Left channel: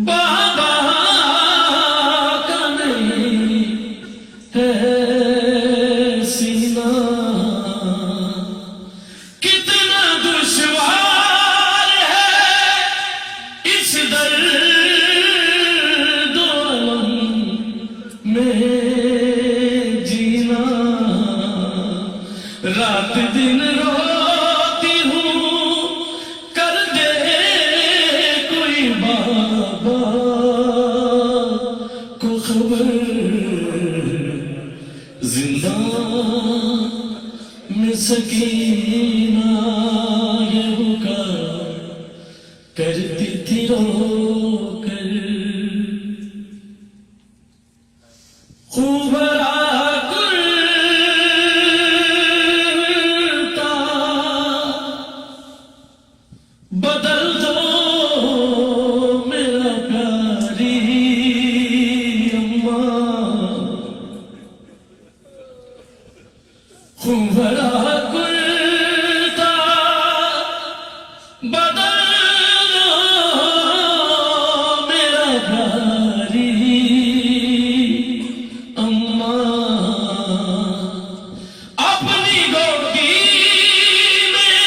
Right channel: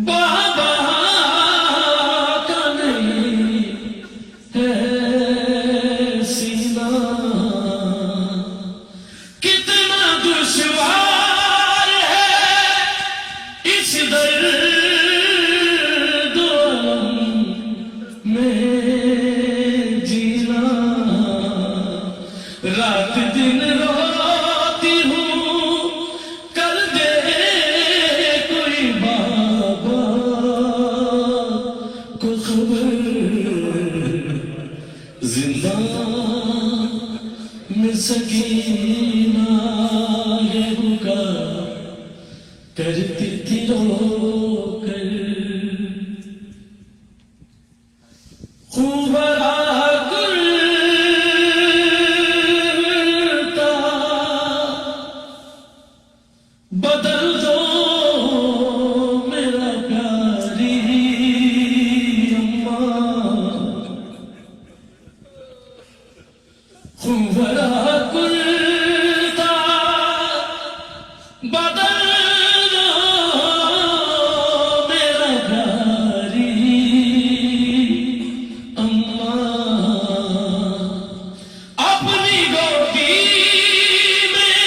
बाबा का नहीं है सीना, कितना दुश्वार है इस दर्द में जीना। रात दिन रोती हूँ, कर दे कोई बाबा को खबर, जिंदा में सकीना ये रुका करती थी रोकर। खूब बदल दो मेरा प्यारी अम्मा, खुबरा कुलता बदल दो मेरा प्यारी अम्मा। अपनी गोदी में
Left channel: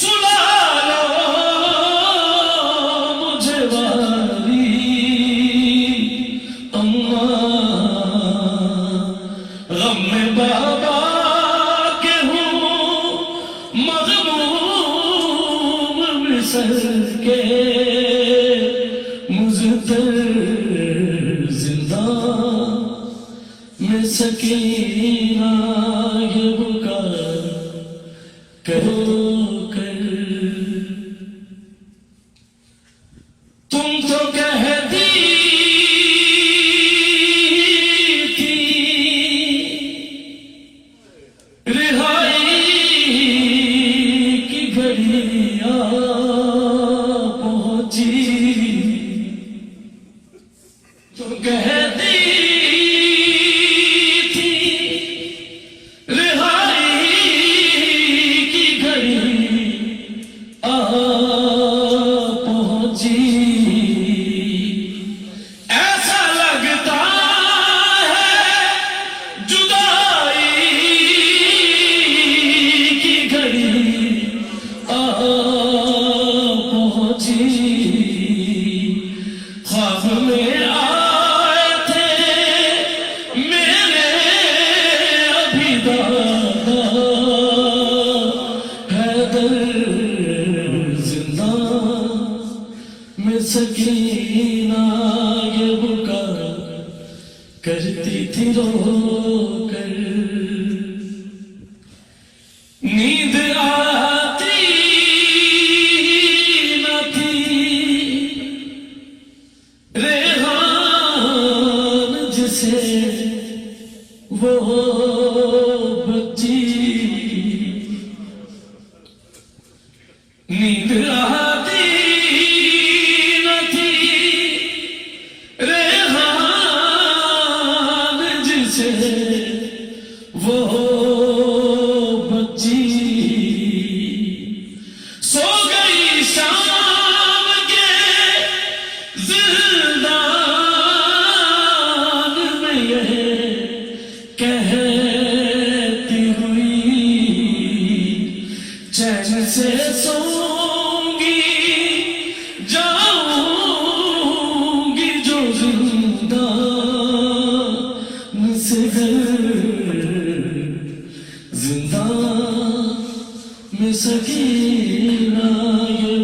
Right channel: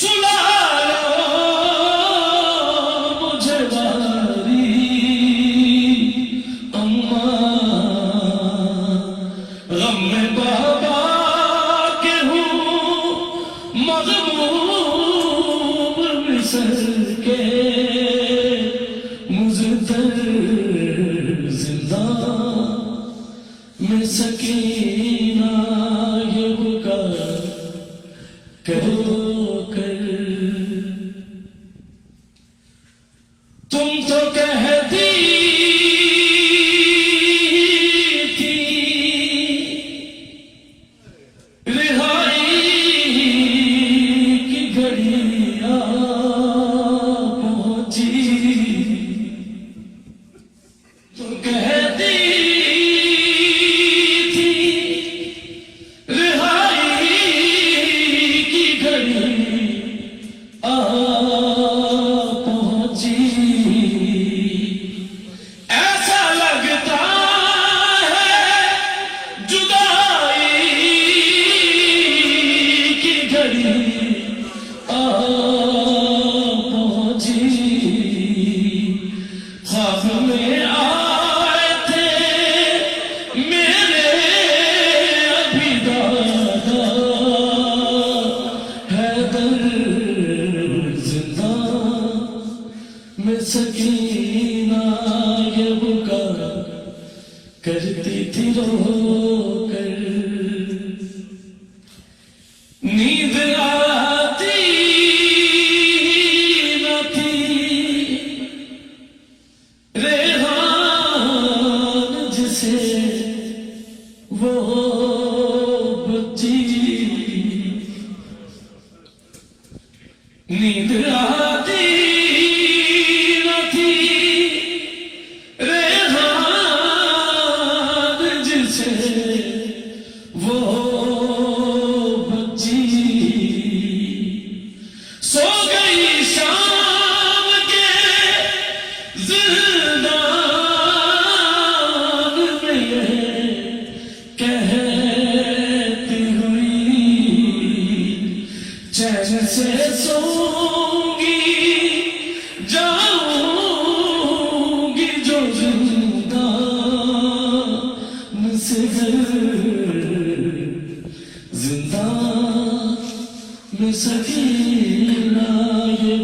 सुला गम में बाबा के हूँ मग़मूम मिसल के, मुज़्फ़िर जिंदा में सकीना ये बुका करो कर। तुम तो कहती पहुंची, तो कहती थी रिहाई की घड़ी आ पहुंची। ऐसा लगता है जुदाई की घड़ी पहुंची। ख्वाब में आए थे मेरे अभी दादा हैदर, जिंदा में सकीना ये बुका करती थी रोकर। नींद आती न थी रेहान जिसे वो बच्ची, नींद आती न थी रेहान जिसे वो बच्ची। सो गई शाम के जिंदान में ये कहती हुई, चैन से सोऊंगी जाऊंगी जो जिंदा से जिंदा में सकीना ये